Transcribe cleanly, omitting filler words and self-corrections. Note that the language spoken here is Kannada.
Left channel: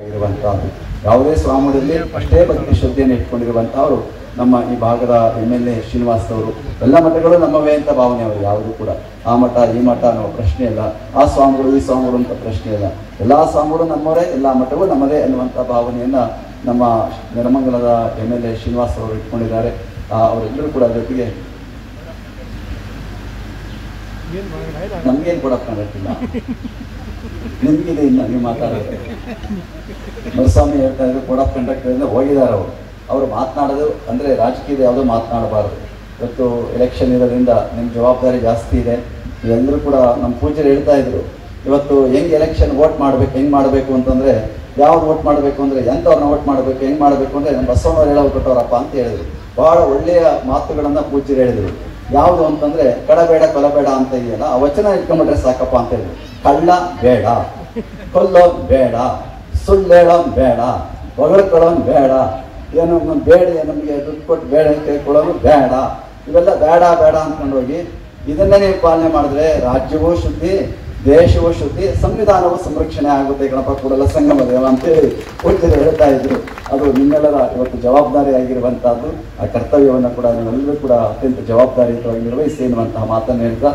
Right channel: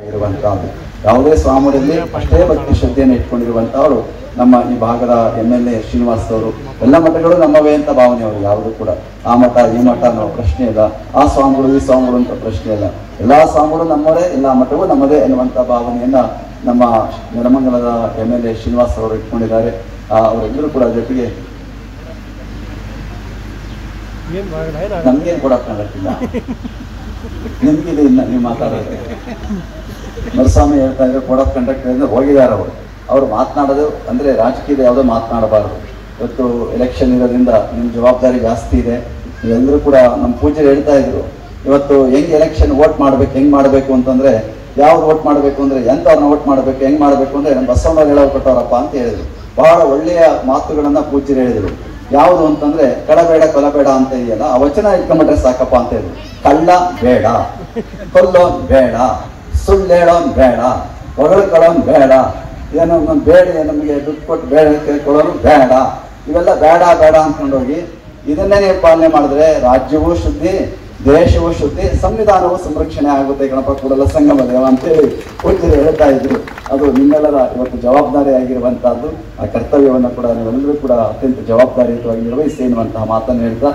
ಆಗಿರುವಂತಹದ್ದು ಯಾವುದೇ ಸ್ವಾಮಿಯಲ್ಲಿ ಅಷ್ಟೇ ಭಕ್ತಿ ಶ್ರದ್ಧೆಯನ್ನು ಇಟ್ಕೊಂಡಿರುವಂತಹವರು ನಮ್ಮ ಈ ಭಾಗದ MLA ಶ್ರೀನಿವಾಸ್ ಅವರು. ಎಲ್ಲ ಮಠಗಳು ನಮ್ಮವೇ ಅಂತ ಭಾವನೆ ಅವರು, ಯಾವುದು ಕೂಡ ಆ ಮಠ ಈ ಮಠ ಅನ್ನೋ ಪ್ರಶ್ನೆ ಇಲ್ಲ, ಆ ಸ್ವಾಮಿಗಳು ಈ ಸ್ವಾಮಿಗಳು ಅಂತ ಪ್ರಶ್ನೆ ಇಲ್ಲ, ಎಲ್ಲಾ ಸ್ವಾಮಿಗಳು ನಮ್ಮವರೇ, ಎಲ್ಲಾ ಮಠಗಳು ನಮ್ಮದೇ ಎನ್ನುವಂತ ಭಾವನೆಯನ್ನ ನಮ್ಮ ನೆಲಮಂಗಲದ MLA ಶ್ರೀನಿವಾಸ್ ಅವರು ಇಟ್ಕೊಂಡಿದ್ದಾರೆ. ಅವರೆಲ್ಲರೂ ಕೂಡ ಜೊತೆಗೆ ನಮ್ಗೇನು ಕೊಡಕ್ ಕಾಣಕ್ಕಿಲ್ಲ, ನಿಮ್ಗಿದೆ ಇನ್ನ ನೀವು ಮಾತಾಡೋದು. ಮರುಸ್ವಾಮಿ ಹೇಳ್ತಾ ಇದ್ರೆ ಕೋಡ್ ಆಫ್ ಕಂಡಕ್ಟ್ ಅಂದ್ರೆ ಹೋಗಿದ್ದಾರೆ ಅವರು ಮಾತನಾಡೋದು ಅಂದ್ರೆ ರಾಜಕೀಯದ ಯಾವುದೋ ಮಾತನಾಡಬಾರದು. ಇವತ್ತು ಎಲೆಕ್ಷನ್ ಇರೋದ್ರಿಂದ ನಿಮ್ ಜವಾಬ್ದಾರಿ ಜಾಸ್ತಿ ಇದೆ. ನೀವೆಲ್ಲರೂ ಕೂಡ ನಮ್ಮ ಪೂಜೆರು ಹೇಳ್ತಾ ಇದ್ರು, ಇವತ್ತು ಹೆಂಗ್ ಎಲೆಕ್ಷನ್ ವೋಟ್ ಮಾಡ್ಬೇಕು, ಹೆಂಗ್ ಮಾಡ್ಬೇಕು ಅಂತಂದ್ರೆ, ಯಾವ್ದು ವೋಟ್ ಮಾಡ್ಬೇಕು ಅಂದ್ರೆ ಎಂತವ್ರನ್ನ ವೋಟ್ ಮಾಡ್ಬೇಕು, ಹೆಂಗ್ ಮಾಡ್ಬೇಕು ಅಂದ್ರೆ ನಮ್ಮ ಬಸವಣ್ಣ ಹೇಳೋಕೊಟ್ಟವ್ರಪ್ಪ ಅಂತ ಹೇಳಿದ್ರು. ಬಹಳ ಒಳ್ಳೆಯ ಮಾತುಗಳನ್ನ ಪೂಜೆರು ಹೇಳಿದ್ರು. ಯಾವುದು ಅಂತಂದ್ರೆ ಕಳಬೇಡ ಕೊಲಬೇಡ ಅಂತ ಇದೆಯಲ್ಲ, ಆ ವಚನ ಇಟ್ಕೊಂಡ್ಬಿಟ್ರೆ ಸಾಕಪ್ಪ ಅಂತ ಹೇಳಿದ್ರು. ಕಳ್ಳ ಬೇಡ, ಕೊಲ್ಲ ಬೇಡ, ಸುಳ್ಳೇಳ ಬೇಡ, ಹೊಗಳ್ಕೊಳ್ಳೋ ಬೇಡ, ಏನೋ ಬೇಡ, ನಮಗೆ ದುಡ್ಡು ಕೊಟ್ಟು ಬೇಡ ಕೇಳ್ಕೊಳ್ಳೋರು ಬೇಡ, ಇವೆಲ್ಲ ಬೇಡ ಬೇಡ ಅಂದ್ಕೊಂಡೋಗಿ ಇದನ್ನೇ ನೀವು ಪಾಲನೆ ಮಾಡಿದ್ರೆ ರಾಜ್ಯವೂ ಶುದ್ಧಿ, ದೇಶವೂ ಶುದ್ಧಿ, ಸಂವಿಧಾನವೂ ಸಂರಕ್ಷಣೆ ಆಗುತ್ತೆ ಗಣಪ ಕೂಡಲ ಸಂಗಮ ದೇವ ಅಂತೇಳಿ ಪೂಜ್ಯರು ಹೇಳ್ತಾ ಇದ್ರು. ಅದು ನಿಮ್ಮೆಲ್ಲರ ಇವತ್ತು ಜವಾಬ್ದಾರಿ ಆಗಿರುವಂತಹದ್ದು. ಆ ಕರ್ತವ್ಯವನ್ನು ಕೂಡ ನೀವೆಲ್ಲರೂ ಕೂಡ ಅತ್ಯಂತ ಜವಾಬ್ದಾರಿಯುತವಾಗಿ ನಿರ್ವಹಿಸಿ ಎನ್ನುವಂತಹ ಮಾತನ್ನು ಹೇಳ್ತಾ